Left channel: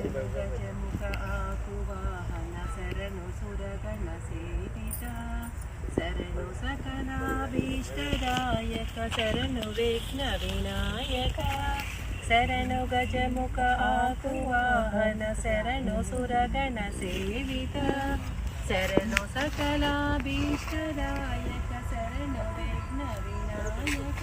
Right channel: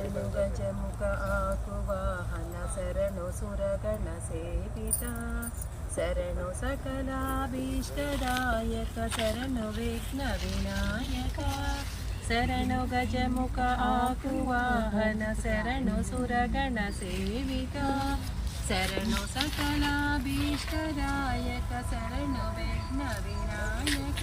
శరణు గజముఖ ఆకువాహన శరణు సురగణ సేవిత. శరణు సకలాభీష్టదాయక శరణు విఘ్న వినాయక. శరణు గజముఖ ఆకువాహన శరణు సురగణ సేవిత. శరణు సకలాభీష్టదాయక శరణు విఘ్న వినాయక.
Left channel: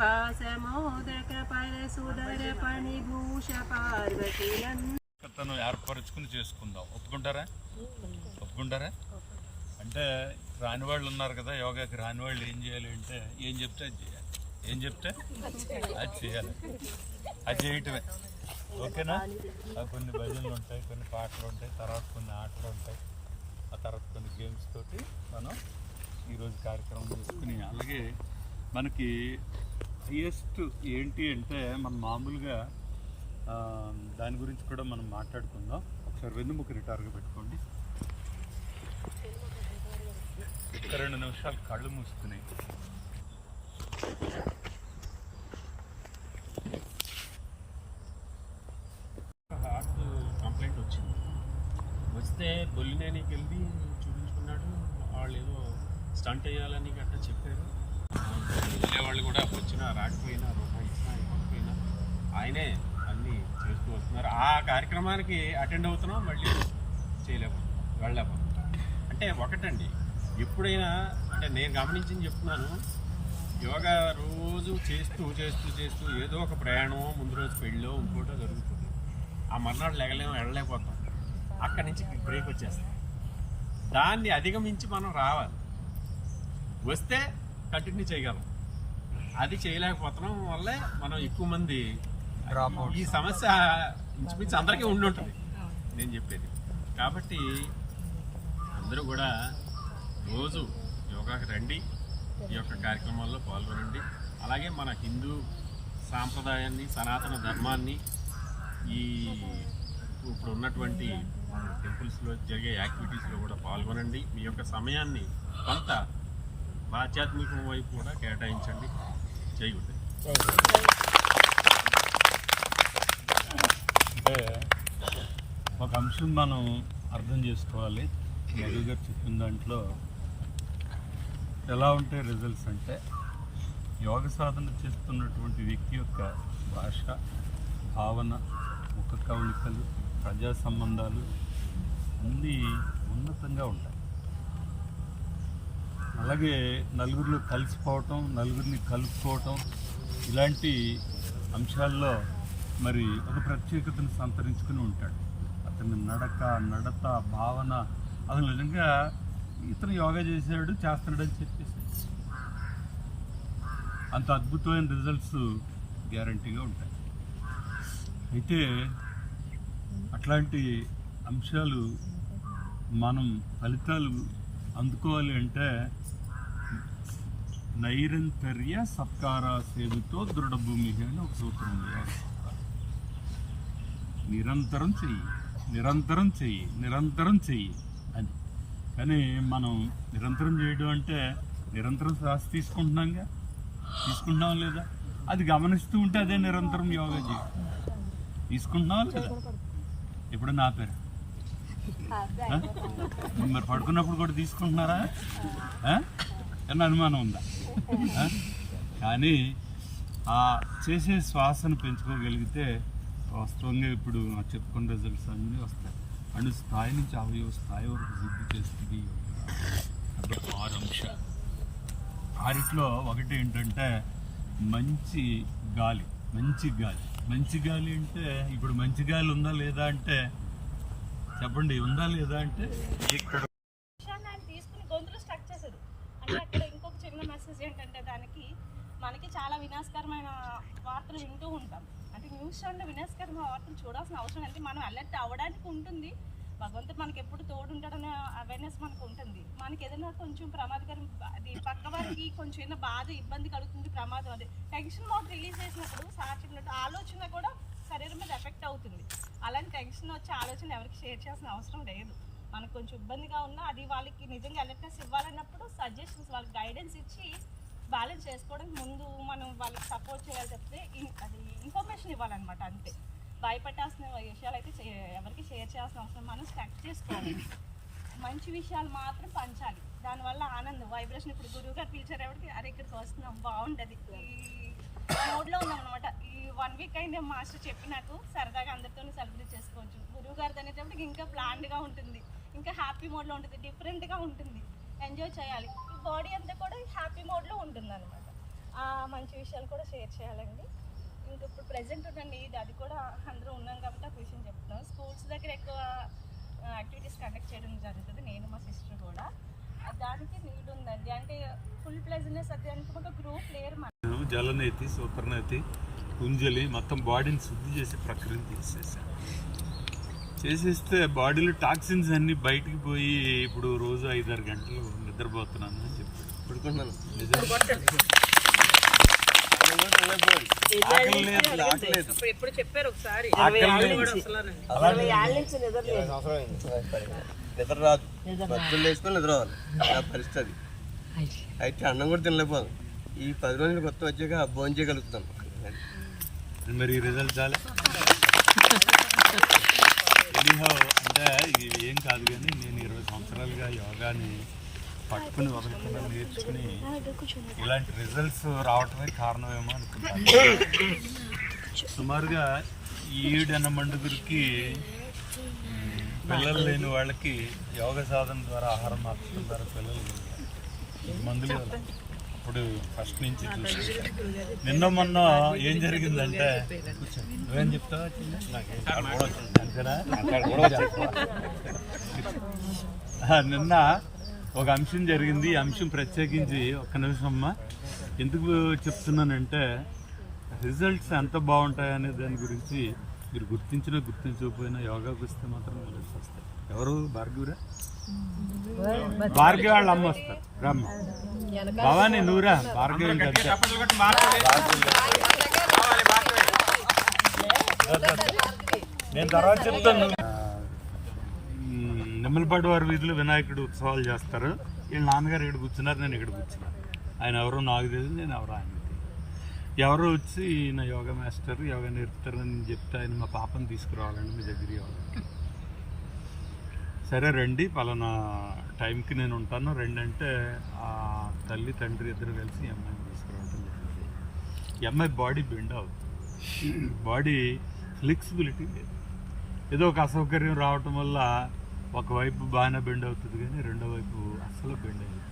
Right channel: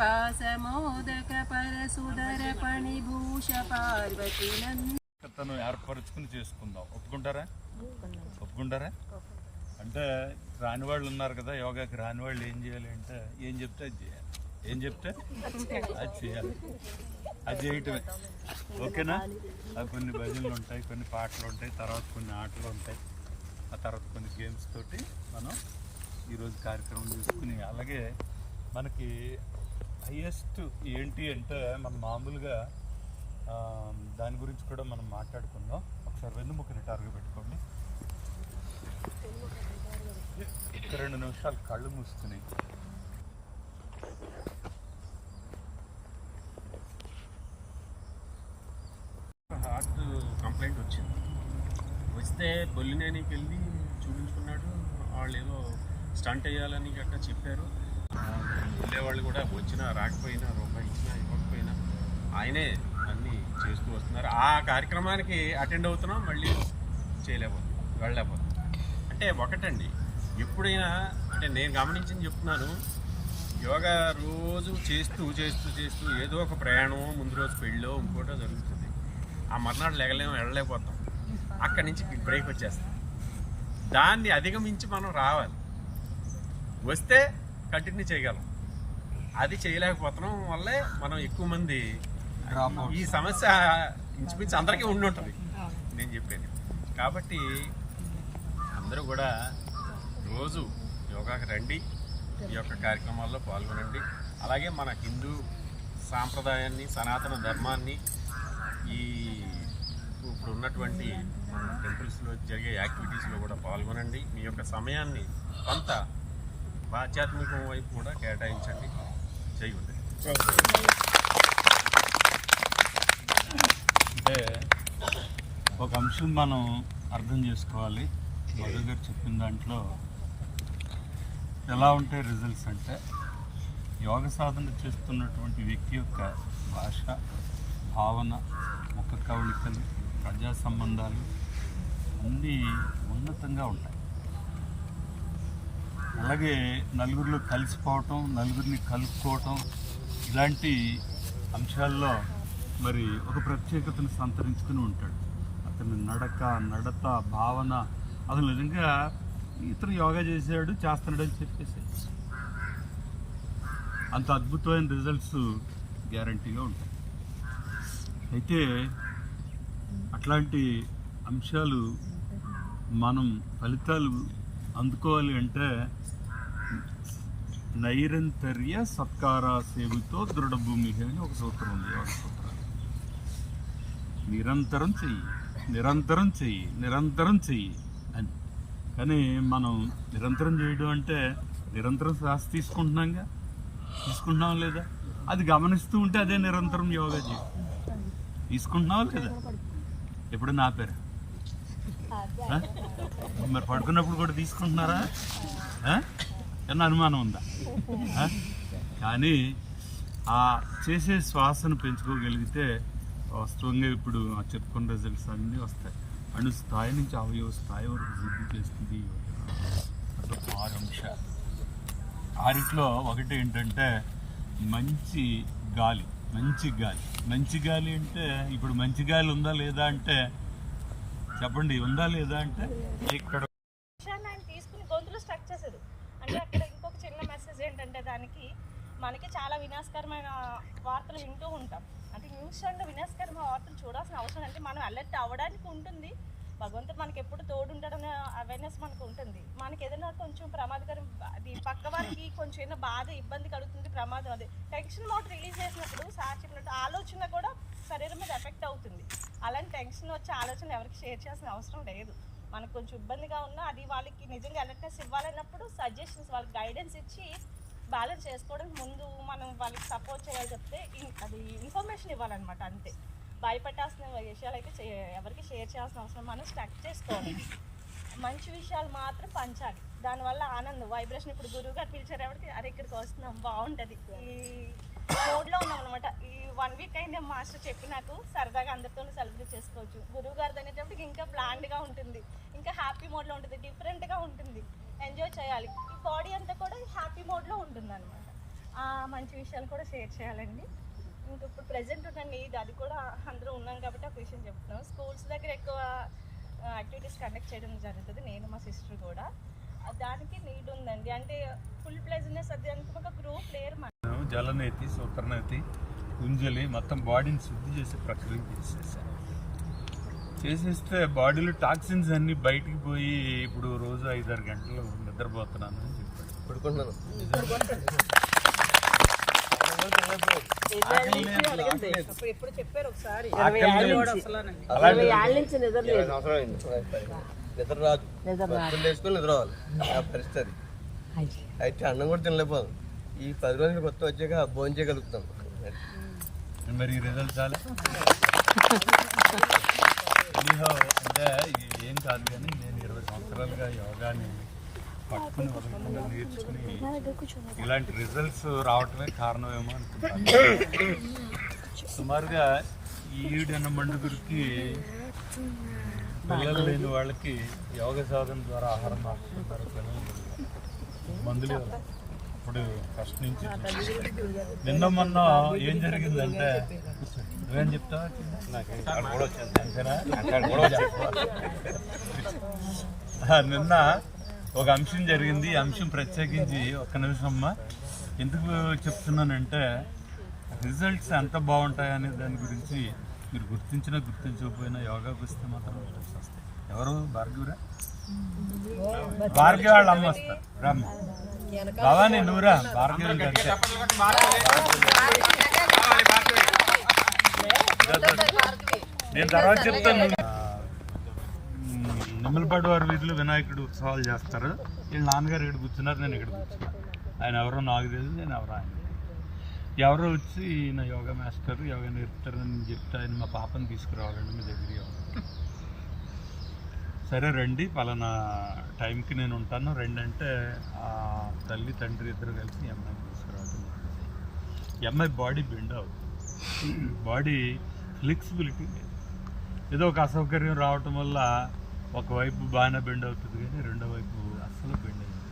పాసమోదక పణిభూష తను ఏర్పరచుకుని చేసుకుందాం. ఒప్పుకుంటారా? ఒప్పుకుంటారా? అంటే రాని వాళ్ళు ఉన్నారు కదా యోగాకి రాని వాళ్ళు ఏం చేయాలి అంటే ఏం చెప్తే అది చేయాలి. ఏం చెప్తే అది చేయాలి. అది చేయటమే. ఓకేనా? కొన్ని భజనలు ఉంటాయి కొన్ని పాటలు ఉంటాయి తర్వాత కొన్ని ఆటలు ఉంటాయి. ఆ తర్వాత కొన్ని గేమ్స్ తోటి మనం ఈరోజు కార్యక్రమం చేసుకుని అలాగే మనకి హైయెస్ట్ ఏంటి అంటే మనం మామూలుగా దాని గురించి కూడా మనం మాట్లాడుకుందాం. ఒకసారి వెన్నుముక రిటార్గా పెట్టుకోండి. ఒక రెండు నిమిషాలు కళ్ళు మూసుకున్నాయి హార్ట్ కంప్లైంట్ వచ్చింది. వస్తే బొల్లినేనికి వెళ్ళి చూపించుకున్నాడు. వాళ్ళు ఏదో స్టంట్ వేయాలని గట్టా చెప్పారు. వెళ్ళేవాళ్ళు కూడా వచ్చినా రాకపోయినా రూపాయి ఇచ్చినా ఇవ్వకపోయినా ఆయనే అన్నీ చేస్తూ వస్తున్నారు. ఆ కార్యక్రమానికి అటెండ్ అవుతున్నాం మళ్ళీ చేయలేకపోతున్నాం వెళ్ళలేకపోతున్నాం. అంటే ఒకటండి ఎప్పుడైనా అంటే నేను గమనించింది చెప్తున్నాను యోగా రోజు చేస్తూ చేస్తూ చేస్తూ ఏదో ఒక ప్రయాణం ముందు రోజు పెళ్ళో ఇంకోటో జరుగుతుంది. ఆ మర్నాడు లేగలేము వెళ్ళలేకపోతాం. అక్కడి నుంచి బ్రేక్ వచ్చేస్తాం. దాన్ని అధిగమించి మనం రావాలి. వస్తే కంటిన్యూ చేయగలం. అది చేయలేకపోతున్నాం వల్లే మనం ఎక్కువ మంది ఈ సమస్య ఇంచుమించు అందరికీ ఉండి ఉంటుంది. నేను చెప్పేది. కాబట్టి అందరూ కూడా రోజు యోగాకి రండి ఈ యొక్క కార్యక్రమాల్లో పాల్గొనండి. అలాగే మన హిందూ సాంప్రదాయాన్ని సనాతన ధర్మాన్ని ఈ ఇప్పుడు ఉన్నటువంటి మన టెంపుల్స్లో జరిగే యాక్టివిటీస్లో కూడా పాల్గొనండి. మీ యొక్క సమయాన్ని కొంత ఆధ్యాత్మికం వైపు కూడా కేటాయించండి. జై అంటే ఒక అంశం మనం అర్థం చేసుకోవాలి. మధు గారు చెప్పిన దాంట్లో ఎలా ఉంటాయి రిజల్ట్స్ అంటే యోగ సాధన చేస్తున్నటువంటి వ్యక్తి యొక్క భాష భావన ముఖ కవళికలు ప్రజా సంబంధాలు అన్నీ ఉన్నతంగా ఉంటాయి. అలాగే నలుగురిలో కలిసిపోవటం నలుగురిని కలుపుకోవటం ఇలాంటి అంశాల్లో మరి ఒక ప్రత్యేకతను సంతరించుకుని ఉంటాడు. అతని నడక నడత భావన అతను నిజంగా ఇతను యోగా చేశాడు చేస్తున్నాడు అని చెప్పేసి. అంత అద్భుతమైన రిజల్ట్స్ గ్యారంటీగా ఉంటాయి. అయితే అట్లాంటి అంశాలు మనం ఫలితాలు అందుకోవాలి అంటే నైరంతర్య సత్కార సేవితో దృఢభూమి అని ఒక సూత్రం ఉంది యోగ సూత్రం నిరంతరం చెయ్యి నిరంతరం చెయ్యి నిరంతరం చెయ్యి అని. కానీ మనం నిరంతరం చేయడం అంటే నిరంతరం శ్వాస తీసుకుంటున్నాంగా? తీసుకుంటున్నాం లేదా? అది గమనిస్తూ ఉంటే అదే నిరంతరం యోగా చేయి తీసుకుంటున్నావా లేదా? ఎప్పుడు నా పేరు మరి పడుకున్నప్పుడు కూడా తీసుకుంటున్నారా? ఆ? ఏమన్నా అనుమానం ఉందా? కానీ ఆ చేసే శ్వాసను పెంచుకోగలిగితే వాస్తవంగా ఇప్పుడు చెప్పుకున్న రిజల్ట్స్ అన్నీ వస్తాయి. అణు స్థాయి నుంచి అవయవ స్థాయి వరకు శుద్ధి చేస్తుంది యోగా. అట్లా ఆరు అంశాలు. ఆరిట్లో ఒకటి ఏంటంటే మంచి గాలి మంచి గాలి. మంచి గాలి అంటే ఇప్పుడు మంచి గాలి ఉందా లేదా అంటే చెప్పండి ఉందా లేదా అంటే ఇక్కడ విషయాన్ని ఏంటంటే దానికి మనకి చాలా వినాశకరమైన వార్తలు వింటూ ఉంటాం. అంటే న్యూస్ ఛానల్ వినాశకరమైన వార్తలు చూడాల్సిన అవసరం అంటే మనం అలర్ట్ అవ్వడానికి ఉంటుంది. భగవంతుడు మనకి ఎప్పుడు తోడు అవేర్నెస్ మనకు ఉంటుంది. మనకి ఏదైనా కొంచెం ప్రమాదకరం అది పక్క వారికి కొంచెం ఏదైనా బాధ ఇబ్బంది కలుగుతుంది ప్రమాదం అది. టెన్షన్ మోడ్ రిలీజ్ చేసినప్పుడు సార్ చెప్పినట్టు ఆలోచన కూడా శరీరం మీద ఎఫెక్ట్ అవుతుంది. అలాంటి టెన్షన్ వచ్చే ఆలోచన ఎవరికి షేర్ చేయాల్సిన అవసరం లేదు. మనకు కొంచెం ఇబ్బందిగా ఉన్నా అది వాళ్ళకి నిజంగా అలర్ట్నెస్ ఇవ్వాలన్నప్పుడు సజెషన్స్ వాళ్ళకి గైడెన్స్ ఇచ్చి బ్యాలెన్స్ చేసుకోవడానికి ముందు మనం వాళ్ళకి సపోర్ట్ చేయాలి చెప్తే ఇన్- అది ఇన్ఫర్మేషన్ ఇవ్వాలన్నమాట అంతే. భయపెట్టాల్సిన విషయాలు అయితే ఎవరికి షేర్ చేయాల్సిన అవసరం మనం స్టక్ చేసుకోవాలి. మంచి విషయాలు మాత్రం పంచాలి. దానివల్ల ఆనందం వైబ్రేషన్ ఇప్పుడు గురువు గారు పిలిచారు ఎవరికి అరే ఇక్కడికి వస్తున్నాం బాగుంటుంది. ఈ మోడ్లో ఉన్నాం అనమాట ఈ వన్ వీక్ అయింది మాస్టర్ చెప్పి నాకు సరదాగా అందరితో సెలబ్రేట్ చేసుకోవచ్చు. గురువు గారిది అనేటప్పటికి ఇంకా ప్లాన్డ్గా ఉంటుంది. ఇంకా హ్యాపీ మోడ్లో ఉంటుంది డిఫరెంట్గా ఉంటుంది. ఎంజాయ్ చేయాలి. ఈ బాడీ అంతా కూడా హ్యాపీ మోడ్లో ఉంటుంది అనమాట మంచి విషయాలు కూడా షేర్ చేయాలండి. ఇంకా ఇప్పుడు ప్రజెంట్ ఉన్న నీడ్ అది కూడా అందరూ ఉన్నాం కాబట్టి ఒక విషయం చెప్తున్నాం. స్కూల్స్ దగ్గర ఎక్కువ యాక్టివిటీస్ కండక్ట్ చేయడం జరుగుతుంది. నేను మా సిస్టర్ కూడా. దానికి నీడ్ ఉందండి. అంటే ఫుల్ ప్లెజినెస్ అది అంటే ఒక గ్రూప్ లేయర్ మన జలనేతి సూత్రనేతి కుంజలి మొత్తం బాడీని శుద్ధి చేసే ప్రక్రియ చేసేసాను చేసేస్తే బాడీలో టాక్సిన్స్ అన్ని బయటికి పోయి ఇప్పుడు రోజు ఐదారు గంటలు నిద్రపోతున్నాను అని చెప్పాడు. ఇప్పుడు ఎప్పుడు చెప్పారు ఒకసారి. నిద్ర రాదు వేసుకొని నిద్ర రావాలి నా పరిస్థితి. అది. అయితే అన్నం కూడా తినలేకపోదాం ఈ పది రోజులు కొత్త వచ్చాక భోజనం చేయగలుగుతాను మరి ఈ రిజల్ట్ చాలా? ఎనీహౌ అంటే ఇది ఏం కాదు కానీ నేను ఇరవై సంవత్సరాలుగా యోగాని పట్టుకుని వదలకుండా నేర్చుకుని ఇలాంటి రిజల్ట్స్ రావటమే కారణమేమో అనుకుంటున్నాను. సుమారుగా ఈడన మండుగురికి పిల్లలు లేని వాళ్ళకి యోగ సాధన ద్వారా ఆహారం మార్చడం ద్వారా పిల్లలు కలిగారు మందులు అప్పుడు ఫస్ట్ నుంచి చూసుకుంటే నిన్న మొన్న ఏం జరిగిందంటే నువ్వేం చెప్తావా చిన్న? అంతేనా? ఆ, నిన్న ఒక అంశం జరిగింది. ఈ అంశం ప్రత్యేకించి ఒక్క నిమిషం అమ్మా. ఎందుకు చెప్తున్నానంటే రిజల్ట్స్ ఎంత బాగుంటాయి అనే దాని గురించి మీరు గుర్తించినా గుర్తించకపోయినా యోగాకి వస్తే మాత్రం రిజల్ట్స్ వస్తాయి. ఎవరు? భార్గవరా? భార్గవ వాళ్ళ అమ్మ వస్తారు. రామ్మ. భవానీ నువ్వురా? భార్గవి ఇంకా అంతే. నేను తర్వాత చెప్తాను. నిమ్మలపాడు వారి వీధిలో వినాయకుడు ఉత్సవాలు చేస్తారు. వీళ్ళ నాన్నగారు ఇక్కడ కూర్చున్నారు నేను ఇక్కడ కూర్చున్నాను ఆయన ఎవరో నాకు తెలియదు నేను ఎవరో ఆయన ఎవరో వచ్చి ఈయన యోగా మాస్టర్ యోగా నేర్పుతారని చెప్తే ఆయన మా పాపని తీసుకురావాలండి మీ దగ్గర యోగా. సరే రండి పలానా టైంకి నేను ఉంటాను. రండి అంటే ఆ తల్లి తండ్రి ఇద్దరు కలిసి ఈ అమ్మాయిని తీసుకురావడం జరిగింది ఈ అమ్మాయి బాడీ బెండ్ అవుతుంది. బాడీ ఫ్లెక్సిబిలిటీ లేదు. ఏదో ఒక అసౌకర్యం రావటం వల్ల ఒకవైపు బాగానే బెండ్ అవుతుంది కానీ రెండో వైపు అస్సలు బెండ్ అవుతుంది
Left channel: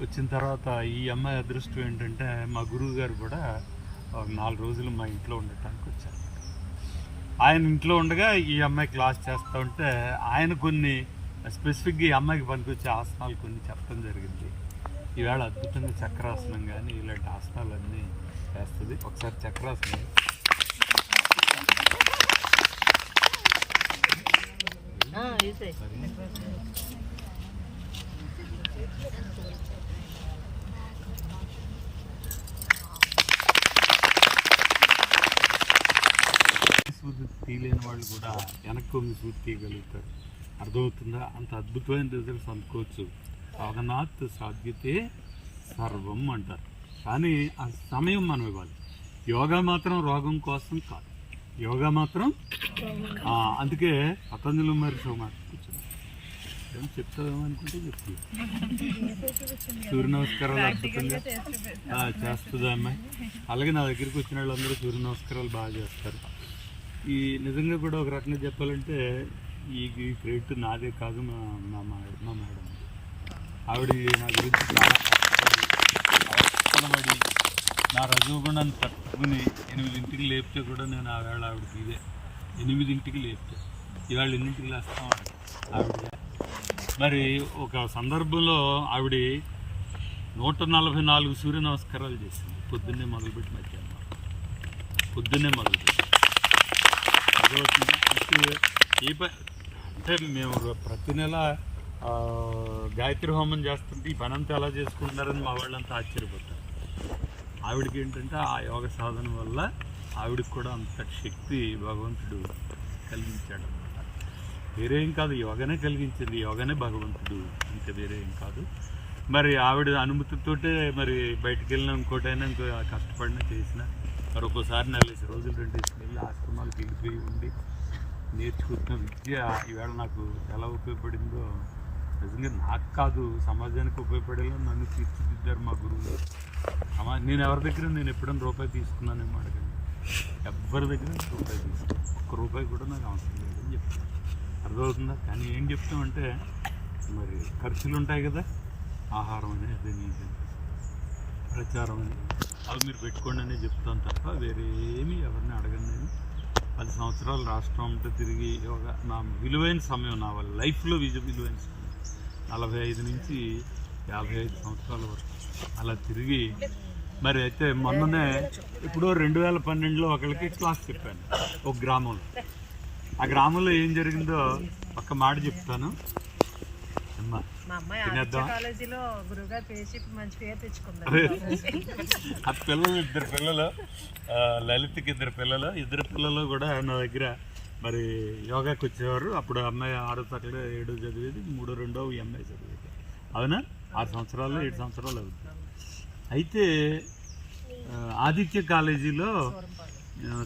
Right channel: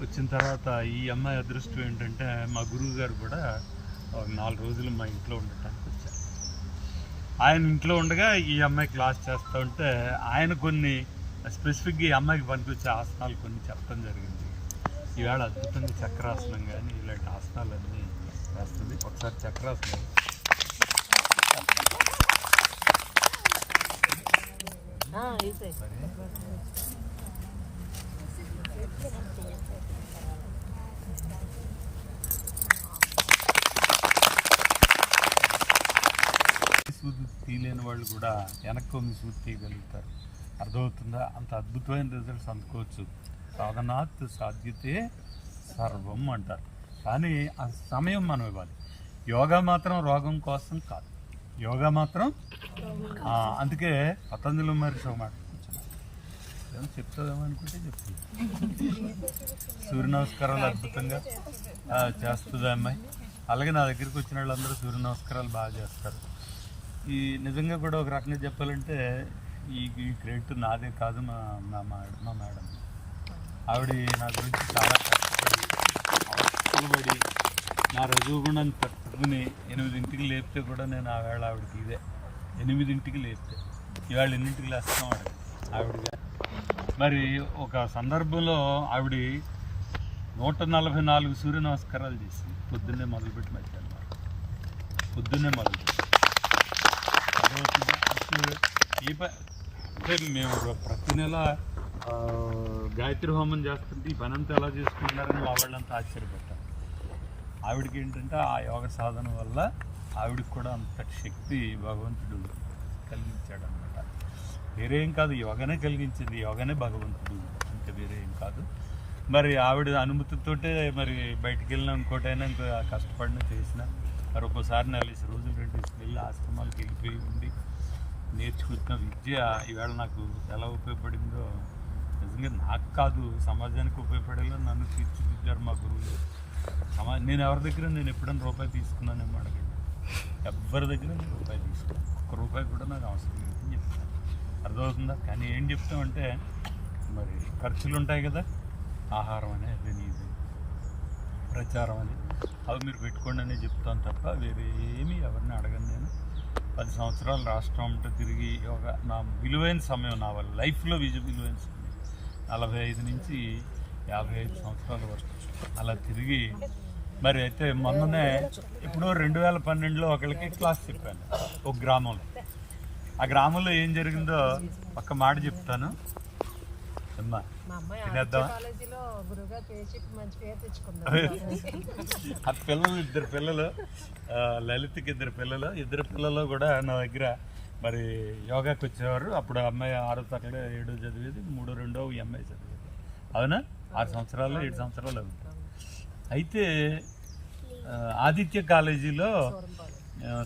వచ్చిన తర్వాత ఈ అమ్మాయి అదృష్టం ఏంటంటే మా గురువు గారు కూడా ఒక నాలుగు రోజులు మా ఇంట్లో ఉండటానికి వచ్చారు. ఆయన ఇంట్లో ఉండగా ఈ అమ్మాయి క్లాస్ చేస్తూ ఉంటే ఆయన కొన్ని స్పెసిఫిక్గా ఈ అమ్మాయికి పనికొచ్చే ఆసనాలు కొన్ని చెప్పడం జరిగింది. ఈవేళ అద్భుతంగా చక్రాసనం కానీ ఇలాంటి ఆసనాలన్నీ చేస్తుంది ఒకసారి చక్రాసనం సరే సూది తీయలేని వాళ్ళు కూడా వెనక్కి మీ తీయగలుగుతారు అర్థమవుతుందా? అంత అద్భుతమైన రిజల్ట్స్ అందుకోవచ్చు. సాధనాత్ సాధ్యతే సర్వం అంటారు. కానీ ఆ సమయం మనం ఇవ్వాలి. యోగా మాత్రం రోగం కోసం కాదు. యోగా మాత్రం అందుకే పతంజలి మహర్షి ఒక మాట కూర్చున్నాను ఏం అనుకుంటే చెప్తుంది సూర్య నమస్కారాలు అద్భుతంగా చేస్తుంది అమ్మాయి? అలాగే నా దగ్గరికి వచ్చిన వాళ్ళందరూ సూర్య నమస్కారాలు బాగా చేస్తారు. ఈ నిజంగా కూడా ఒక రకంగా చెప్పాలంటే ఈ ఈ క్రెడిట్ నాదే కాదు మా మా మా- మేడం. ఆవిడ నా గురించి చాలా కష్టపడి అవస్థలపడి నా కూడా తట్టుకుని ఎనిమిదింటికి లేపితే కూడా నేను ఆవేళ ఆవిడకి ఇదే. ఎనిమిదింటికి లేపితే. ఇవాళ ఎన్నింటికి లేస్తాం ఆవిడ? ఆవిడ మరి ఒక సందర్భంలో ఆవిడ నూట నలభై నాలుగు సూర్య నమస్కారాలు చేసింది. పొద్దున్నే మొదలుపెట్టి మధ్యాహ్నం పొద్దున్నే మొదలుపెట్టి. ఈ ప అంటే మేము ప్రతి నెల గాయత్రి హోమం చేస్తుంటే ఈ పనంతా ఎలా చేసుకుంటున్నారని మా వాళ్ళంతా ఆశ్చర్యపోతారు ఆవిడకి ఏంటంటే ఆ యోగ సాధన వల్ల ఆవిడకి కూడా అంత శక్తి భగవంతుడు కలిగించాడు అనమాట వేరే ఏం కాదు యోగనే కలిగించింది యోగనే భగవంతుడు అంతే వేరే ఏం కాదు. మరి ఆవిడ అనుమతితోటే మరి బయటికి వెళ్ళినా ఇంకోటైనా ఇంకో కష్టపడినా చేసిన మరి ఒక్కోసారి నెలసి రోజులు రెండు వెళ్ళి ఆశ్రమాలకు వెళ్ళిపోయి ఉండి నేర్చుకుంటున్న విద్య ఈవేళ నాకు ఎలా ఉపయోగపడిందో నిజంగా నాకు కాదు సమాజానికి ఉపయోగపడేలా నన్ను తీర్చిదిద్దారు మా గురువులు సమా నేను ఎవరి దగ్గర నేను ఎప్పుడైనా రూపాయి తీసుకున్నానేమో అడగండి. ఎవరి దగ్గర రూపాయి తీసుకున్నాను? ఒక్క రూపాయి కూడా నాకు అవసరం లేదని చెప్తాను అర్థమవుతుందా? కానీ ఏం చెప్తామంటే మరి ఖర్చులు ఉంటాయి కదా ఆహారం అనేది అది ప్రచారం అని అవి మీరు పెట్టుకోండి అనే చెప్తాను తప్ప వేరే ఏమీ ఎవరిని అడగను నేను. పది సంవత్సరాలు రాష్ట్రం అంతా తిరిగి ఒక నా విలువైన సమయం నా వాళ్ళ లైఫ్లో విజ విలువైన సమయం. నలభై ఐదు నుంచి యాభై ఐదు సంవత్సరాల వరకు అలా తిరిగి మరి అయితే మొన్ననే ఇప్పుడు రెండు వేల పన్నెండులో ఒకరికి క్లాస్ చెప్పాను ఒక గ్రామంలో. ఆ గ్రామంలో ఏం జరిగిందో ఒక మాట చెప్తాను. అమ్మా మా అమ్మాయి తినేద్దామా? కాలేజీలో గురుగారు పేరు చెప్పి మంచి పేరు తెచ్చుకుంది. అదే. ఆ పిల్లలు ఇద్దరు పిల్లలు లలిత్కి ఇద్దరు పిల్లలు ఇద్దరు పిల్లలు కూడా నా దగ్గర మరి యోగాకి వచ్చేవారు. అప్పుడు అమ్మాయి ఆరో తరగతి ఏడో చదివేది మూడో రెండో ఈ అమ్మాయి చదివేది. అవునా? ఆరు సంవత్సరాలు ఏడు సంవత్సరాలు అవుతుంది అయితే ఆదిత్య కాలేజీలో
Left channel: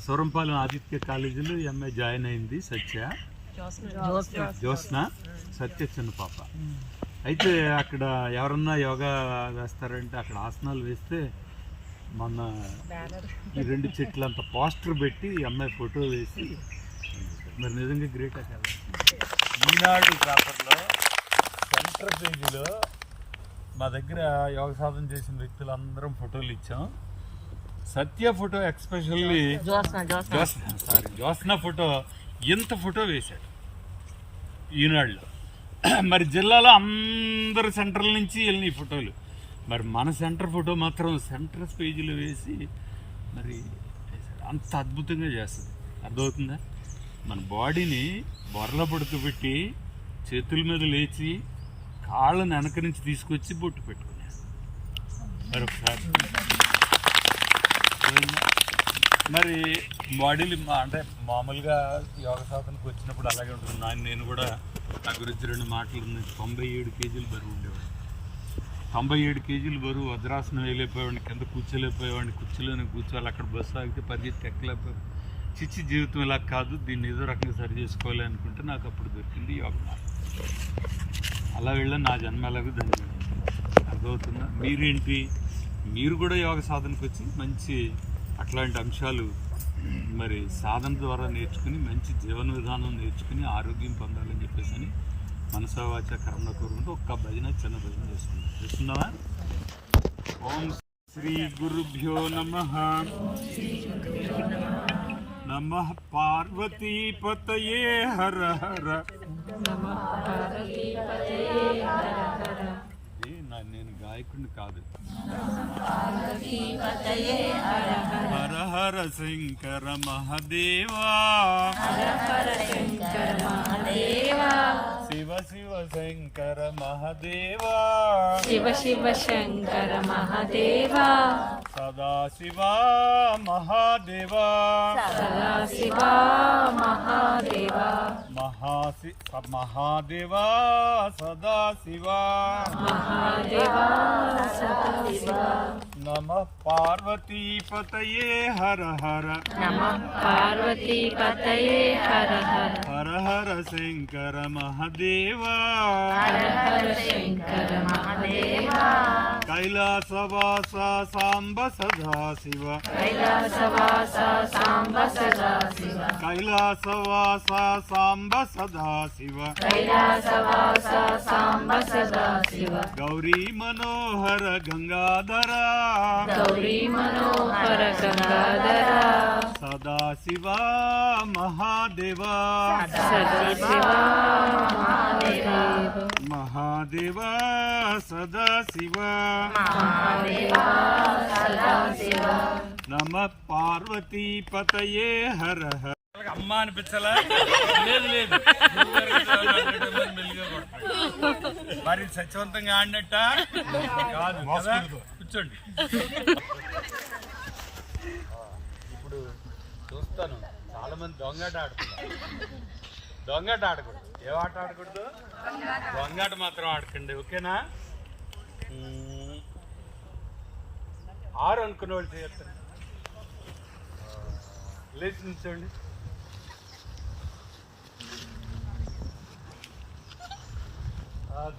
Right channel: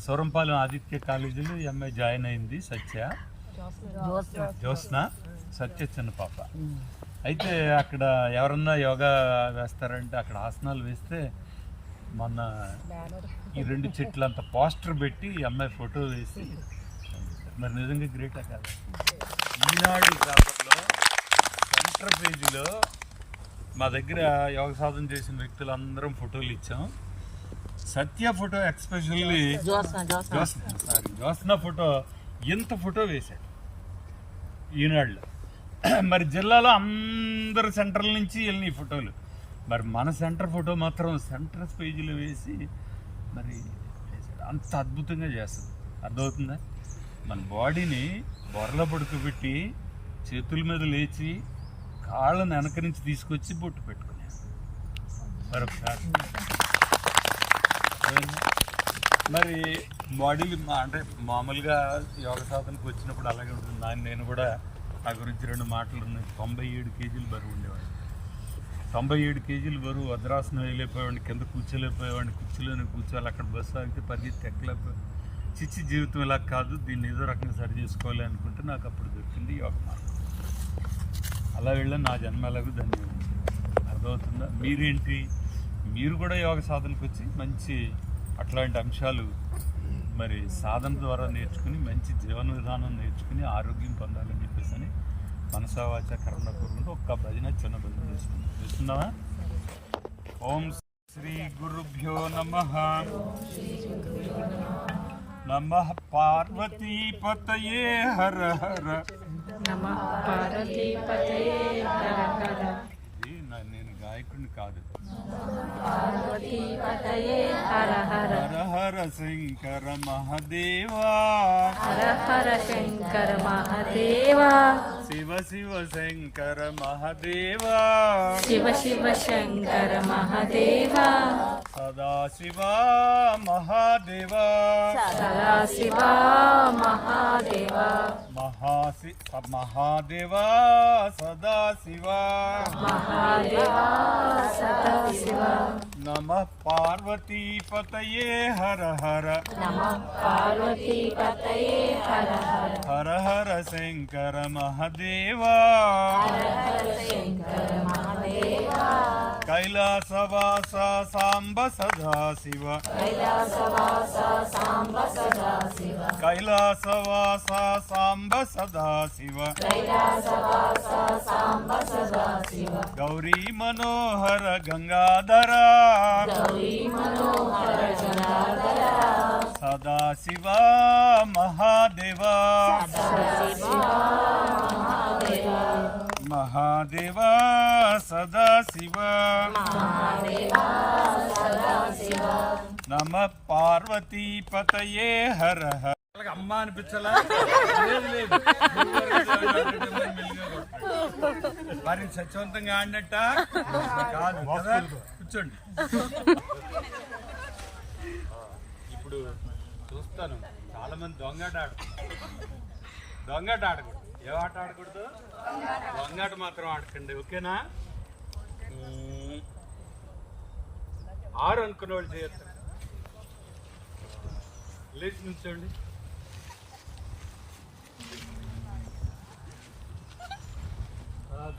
సూరంపాలెం ఆదిత్య కాలేజీలో ఈ అమ్మాయి జాయిన్ అయింది సత్య. జ్యోత్స్న. సత్య చిన్న పాప. అయితే అక్కడ ఎవరన్నా యోగా వేస్తారంటే అక్కడ ఆసనాలు వేస్తే మొన్న ఈ రెండు చెట్లు అంత పోస్టర్ పెట్టి అమ్మాయి ఫోటో వేసి మరి నిజంగా గ్రేటా కదా ఈనాడు పేపర్లో సెంటర్ పేజీలో మా దగ్గర యోగ సాధన చేసిన వ్యక్తులందరం ఫోటోలు ఇచ్చాం. Satya photo especially Jyotsna sorry Jyotsna photo ఇంత ఫోటో వేశాడు ఈనాడులో. మరి జిల్లాలో అందరు సెంటర్ల నుంచి వెళ్ళినాయి ఫోటోలు. మరి మన సెంటర్ ఫోటో మాత్రం సెంటర్ పేజీలో వేసి మరి అంత అద్భుతంగా చేస్తుంది. అర్థమవుతుందా? మన బాడీని బొరలో పడుకోబెట్టి చేతుల మీద లేచి కాళ్ళని వెనక నుంచి తీసుకొచ్చి బొట్టు పెట్టుకునే మరొకసారి. మరి బాడీలు అంటే మామూలుగా యోగ సాధనకు వచ్చినప్పుడు అలాగే ఉంటుంది. నా నేను కూడా నా గురించి రెండు మాటలు ఉన్నాయి. తొంభై ఏడు కేజీలు బరువు ఉండేవాడిని. తొంభై ఏడు కేజీలు బరువు వద్రాసనం వేయలేకపోయేవాడిని కింద కూర్చోలేకపోయేవాడిని. కుర్చీలోనే కూర్చోవాలి అక్కడ బస్సు ఆగితే పరిగెత్తి ఎక్కలేకపోయి చిచ్చి జీవితం ఇలా కాదు దీన్ని ఏదో రకంగా సరి చేసుకోవాలి అనుకుంటే నాకు అప్పుడు దొరికింది యోగ మార్గం. అలా వెళ్ళి నా జన్మ ఎలాగో ధన్యం అర్థమవుతుందా? మీరేంటి? మీరు కూడా యోగ సాధనకు వచ్చి మంచి అట్లాంటి అంశాలు మరి సాధన ద్వారా నేర్చుకుని మంచి జీవన విధానం నేర్చుకుని ఆరోగ్యం పొందాలని చెప్పేసి అని మనసావాచ కర్మ కోరుకుంటూ ఒక్క భజన చిన్న భజన చేసుకుంటాం చూస్తున్నావా? ఓం శ్రీ గురుభ్యో నమ. నమ పార్వతీపతయే హర హర. ఇది నా- నేను గాయకుడిని కాదు. హర హర శంకర మహదేవా శివ శివ శంకర మహదేవా శివ శివ శంకర మహాదేవా సదా శివా మహాదేవా సదా శివ మహాదేవా మహాసి మహాదేవా సదా శివా మహాదేవా సదా శివ నమ పార్వతీపతయే హర హర నమ పార్వతీ పతయే హర హర హర హర శంకర మహదేవా హర హర శంకర మహాదేవా కైలాసవాస సాంబ సదా శివ కైలాసవాస సాంబ సదా శివ కైలాసవాస సాంబ సదా శివ కైలాసవాస సాంబ సదా శివ గౌరీ మనోహర గంగాధర గౌరీ మనోహర గంగాధర సదా శివ మహాదేవా. సదా శివ మహాదేవ. మహాదేవా సదా శివ మహాదేవా సదా శివ నమ పార్వతీపతయే హర హర అమ్మ అనిపించాలా? లేదు మరి సత్యవంతంగా ఆడినట్ట? కాదు కదా? కూర్చోండి. ఇప్పుడు చూస్తాను. చాలా మంది దొంగాట ఆడుతున్నారు. దొంగాట ఆడకూడదు. ఏ ఆట ఆడకూడదు? దొంగాట మాత్రం ఆడకండి. ఓకేనా? ఈ ఆరు అనుకున్న వాళ్ళు చేయండి లేచి నిల్చోండి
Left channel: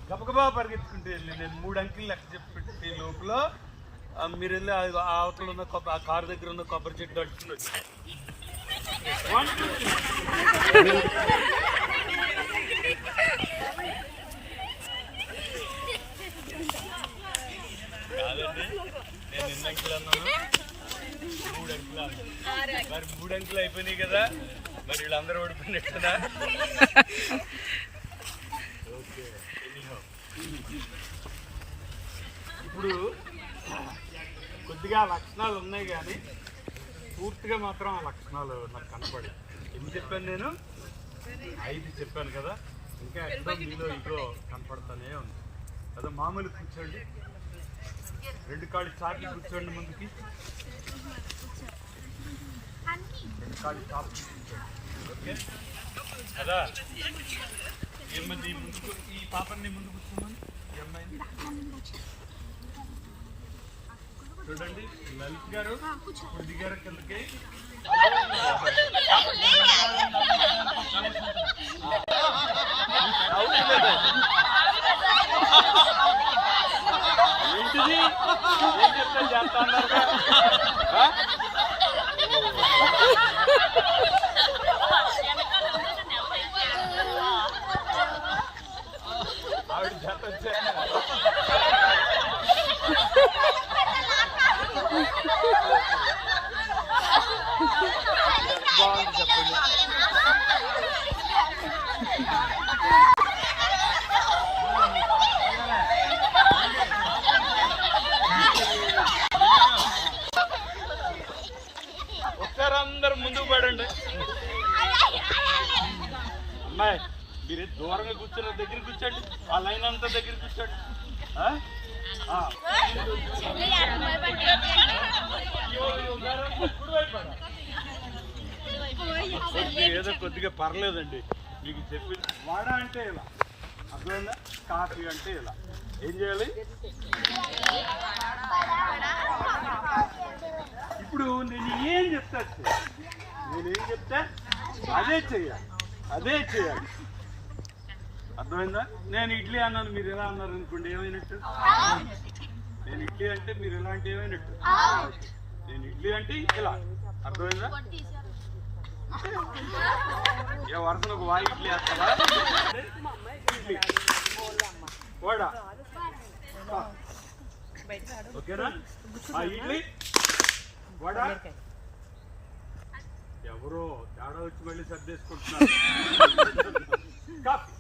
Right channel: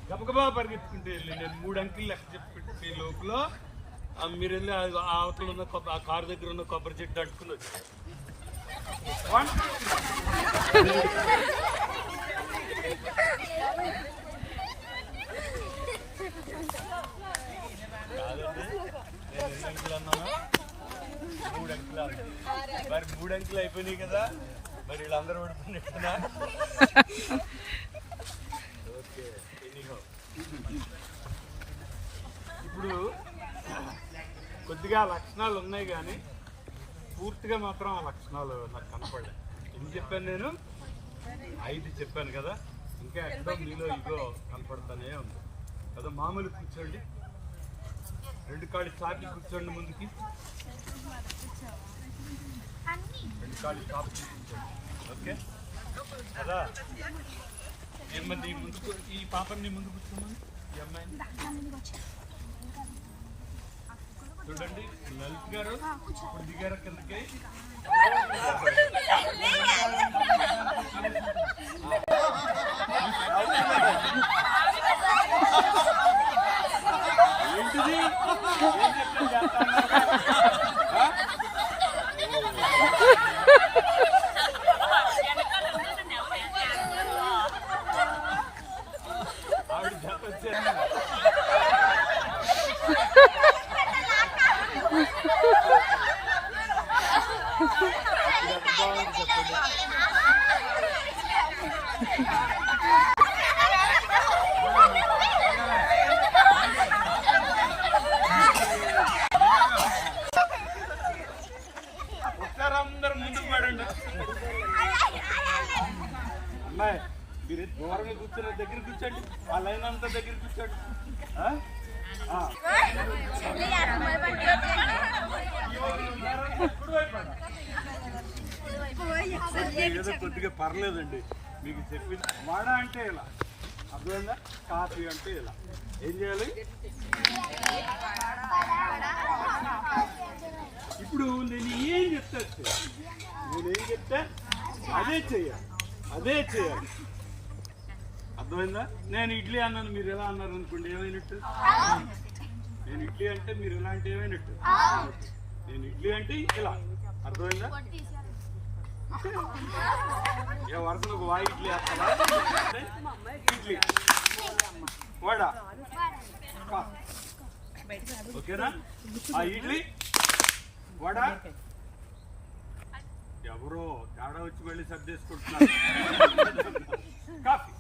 గబగబా పరిగెత్తుకుంటే వెళ్ళి నేను మూడు అంకెలు లెక్క చెప్పి లోపల మీరు వెళ్ళి అవతల ఉన్న కొబ్బరి ఆ కారు దగ్గర ఉన్న కొబ్బరి చెట్టు అడుకుని వచ్చి One, two, three. కాదండి, నేను ఎన్ని అంకెలు అన్నాను? మూడు అంకెలు అన్నాను. మరి అయిపోయినాయి కదా మరి వీళ్ళందరూ ఓడిపోయినట్టునా ఓకే ఇప్పుడు కొద్దిగా లక్షణాలు ఉన్నాయి కానీ పూర్తిగా మాత్రం ఆ లక్షణాలు నాకు కనపడలేదు ఎన్ని చెప్పాను నేను? ఐదు చెప్పాను కదా. ఇంకా ఎక్కడో మీలో ఇగో కనపడతానే ఉంది. కదా మామూలు కూర్చోండి. రెండు కాళ్ళు చాకి కూర్చోండి ముందుకి. రెండు కాళ్ళు తీసుకుంటాడు ఓకే కదా ఏమని ముందుకు ఈ పాపని ముందు కూర్చోమని ఈ అమ్మాయిని చూడండి లలిత్ గారు ఇప్పుడు దిగారు కిందకి ఏంటిది? ఏం చెప్తాను చేస్తా అన్నారు? ఆ? ఆవిడ చేత వచ్చాను ఒకసారి అందరు ముందుకు పడండి అమ్మాయి మీరు దూరంగా కూర్చున్న దగ్గర కూర్చోండి. ఆ లైన్ అంతా దగ్గర కూర్చోండి. ఏదో కొద్దిగా పర్లేదండి. మీకు చెప్పి వడ అంటే ఇలా. అర్థమైందా? కాఫీ అంటే ఇలా. ఏం చేయాలి? ఇప్పుడు నేను ఏం చెప్తా నేను ఏం చెప్తా? అదే చెయ్యాలి అదే చేయాలి. అర్థమైందా? నేను ఇడ్లీ అన్నాను మీరు ఎలా అన్నారు అనుకోండి ఏమైనట్టు? నేను ఇడ్లీ అంటే మీరు ఎలా అంటే ఏమైనట్టు? నేను ఇడ్లీ అంటే ఇలా. అర్థమైందా? ఏ వరుసను ఒక వాయి ఇడ్లీ వేస్తావా? ఇడ్లీ. వడ. ఓకేనా? ఆ ఇడ్లీ వడ? ఎవరో తేడా వచ్చి మళ్ళీ సర్దేసుకుంటున్నారు. Coffee.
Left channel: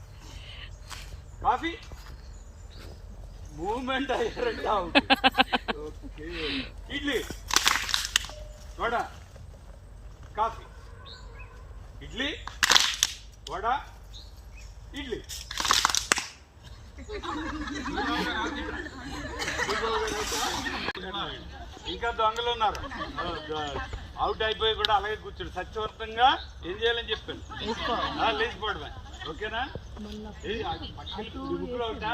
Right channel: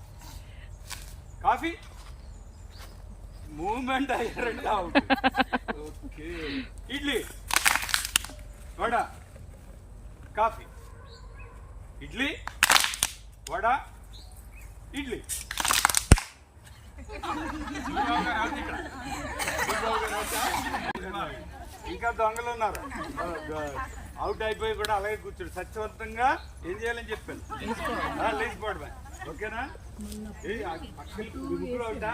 Coffee? Moment అయ్యారంట out okay. Idli. Vada. Coffee. Idli. Vada. Idli. ఇంకా దొంగలు ఉన్నారు అవుట్ అయిపోయి కూడా అలాగే కూర్చోడు సత్యవంతంగా ఏం చేయాలని చెప్పాను లేచిపోవడమే ఓకేనా ముగ్గురు అవుతా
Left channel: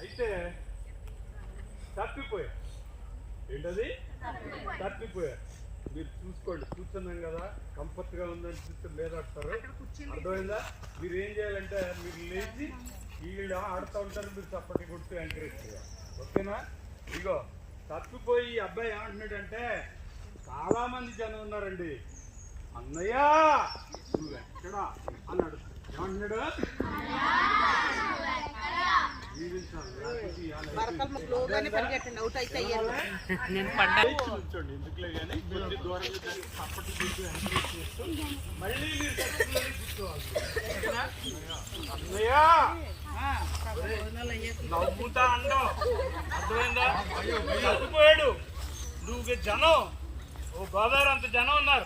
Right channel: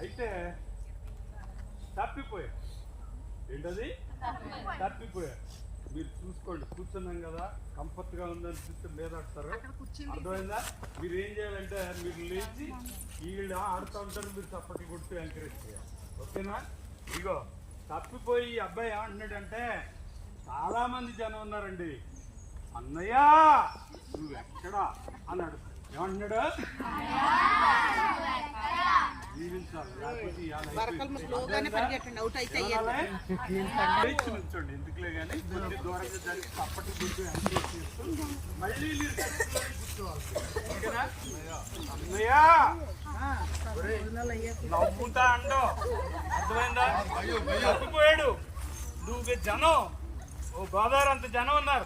అయితే తప్పిపోయారు ఏంటది? తప్పిపోయారు మీరు చూసుకోండి కూర్చున్నాం కదా కంఫర్ట్గా ఉందని చూస్తే మీద ఆడతారు అర్థమైందా? మీరు ఏం చేయాలంటే మీరు లేచి వీళ్ళు ఆడుతూ ఉంటారు మీరు చప్పటి కొడుతూ ఎంకరేజ్ చేయాలి. ఓకేనా? ఇగో తప్పిపోయి ఈ అబ్బాయి ఏమంటున్నాడంటే చాలా మంది జనం ఉన్నారండి. అన్నయ్య నువ్వు ఎక్కడా అని అడుగుతాడు. ఏమంటున్నాడు? ఎందుకులే కానీ దూరంగా గుర్తు ఎంకరేజ్ చేస్తూ మళ్ళీ మీరు దర్శకులని కూర్చోవాలి. ఓకేనా? అన్నయ్య! నవ్వుతా అండో అర్థమైందా? తప్పిపోయాడు నువ్వు జనం. ఓ గోదావరి అంత జనం ఉన్నారు.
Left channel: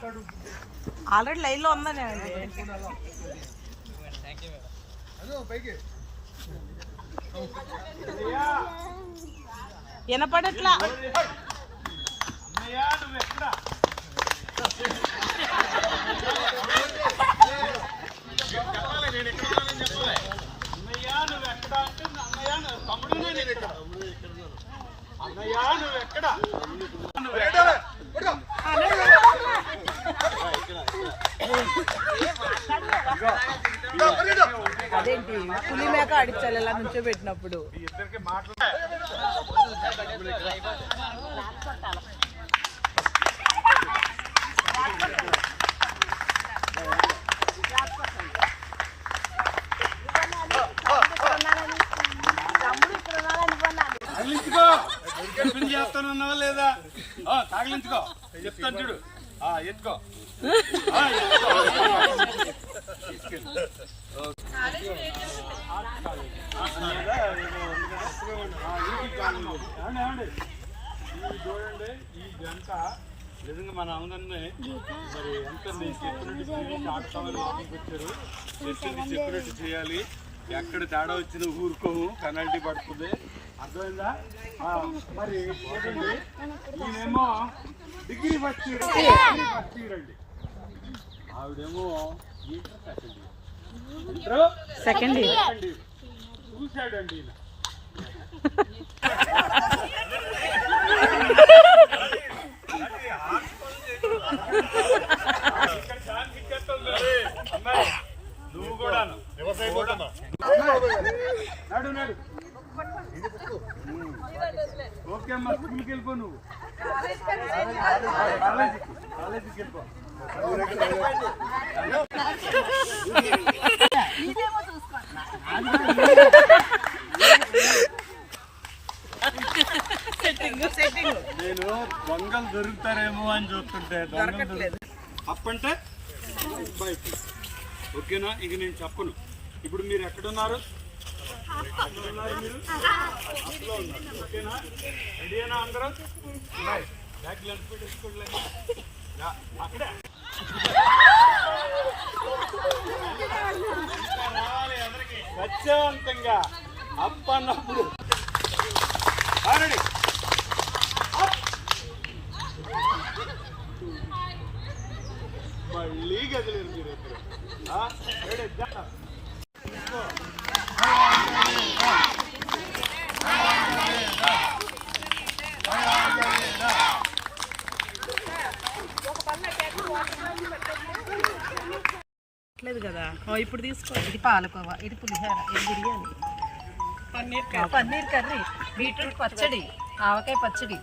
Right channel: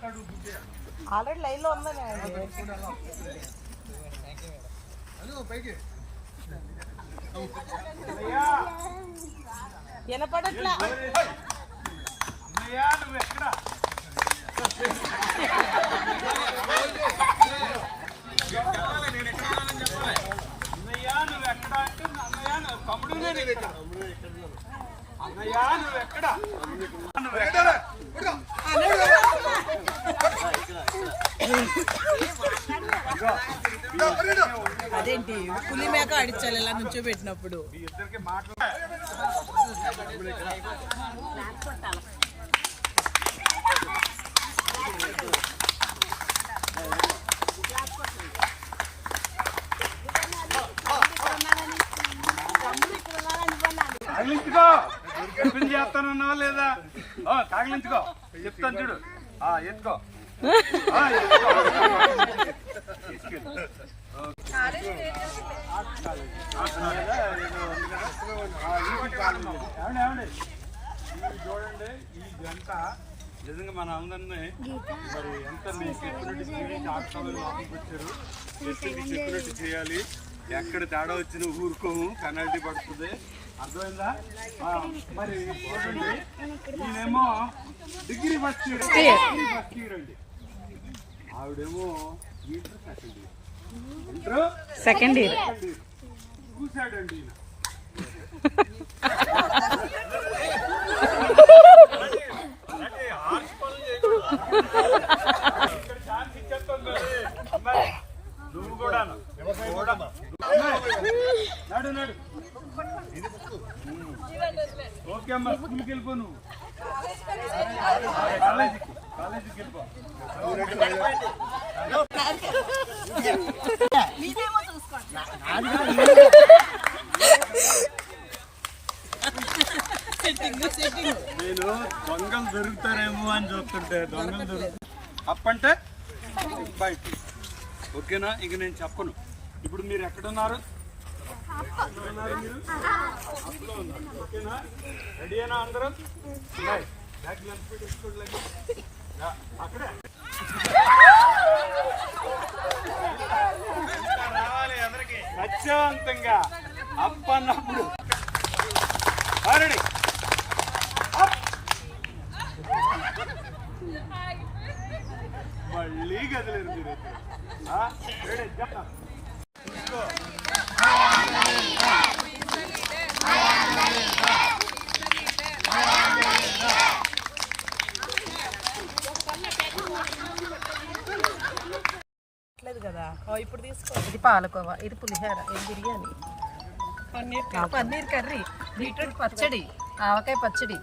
ఆల్రెడీ లైన్లో ఉందా నేను వినపడట్లా అన్నయ్య. నువ్వు ఎక్కడ నేను ఎక్కడ ఉన్నానని చెప్పాలి అన్నయ్య నువ్వు ఎక్కడ అంటే అన్నయ్య నువ్వు తమ్ముడు నేను ఇక్కడ. అన్నయ్య నువ్వు ఎక్కడ? నువ్వు ఎక్కడ? అదేంటి? పులి మేక అడిచాలి ఇలా నుంచో పెట్టినప్పుడు. మీ తగిలించుకో. టిఫిన్ చేస్తానన్నావా లేదా? తగిలించుకో. చెప్తాను చూడు. ఆ ఎత్తుకో. చూడండి ఈ గంట నిజంగా మన అందరినీ మరి ఎంత మీకు చెప్పినట్టు స్పీడ్ ఆడతామని లోపలికి వచ్చారు చెప్పింది చెప్పినట్టు చేయాలి ఎక్కడ తేడా వచ్చిన ఊరుకోము పెనాల్టీ పడుతుంది అర్థమైందా మరి చూడండి ఈయనేమో degree first year degree first year అండి ఆవిడేమో inter second year second year. చూశాడండి నువ్వు కూడా ఓకే అమ్మా స్కూల్కి వెళ్ళిపో నువ్వు. నేను దొంగలు దొరుకుతారేమో అని చూస్తుంటే దొంగలు దొరుకుతారు. అప్పంటే బయట ఓకేనా? ఇంక నేను చెప్పను. ఇప్పుడు మీరు ఎక్కడున్నారు ఎక్కడున్నారు మీరు అప్లో ఉన్నారు ఓకేనా రెడీనా అందరం? బ్యాగ్లు ఎంత అక్కడే రావాలి ఎదరికి ప్రశాంతంగా అప్ అన్నప్పుడు రెడీ మళ్ళీ గదిలేరు మీరు ఇప్పుడు ఆ? రెడీ జా. లేదు కదా? ఓ, ఇప్పుడు తీసుకో. ఇది పాలకోవా ఇది పులిహోర ఇది బిర్యానీ. పన్నీర్ పన్నీర్ కర్రీ. బీట్రూట్ పచ్చడి ఆవకాయ పచ్చడి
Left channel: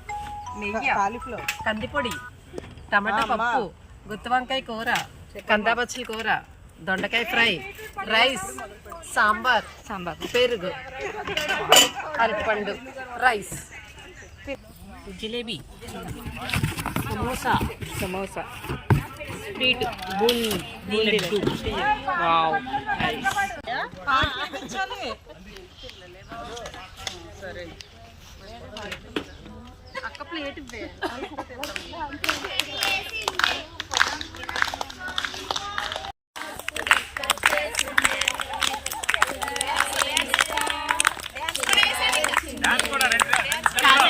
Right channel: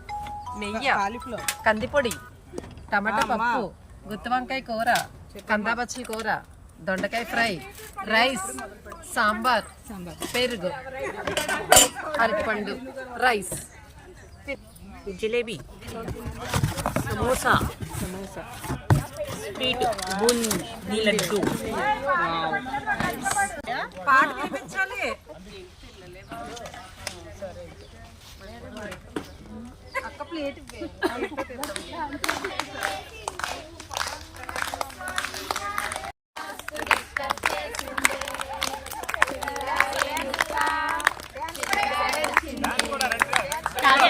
నెయ్యి కాలీఫ్లవర్. కందిపొడి టమాటా పప్పు గుత్తి వంకాయ కూర కందాబచ్చలి కూర దొండకాయ ఫ్రై రైస్. సాంబార్ సాంబార్. పెరుగు అరటిపండు rice. Jalebi samosa. Samosa. Sweet boondi laddu. Wow. Nice పాట వినిపించాలి అక్క ప్లేట్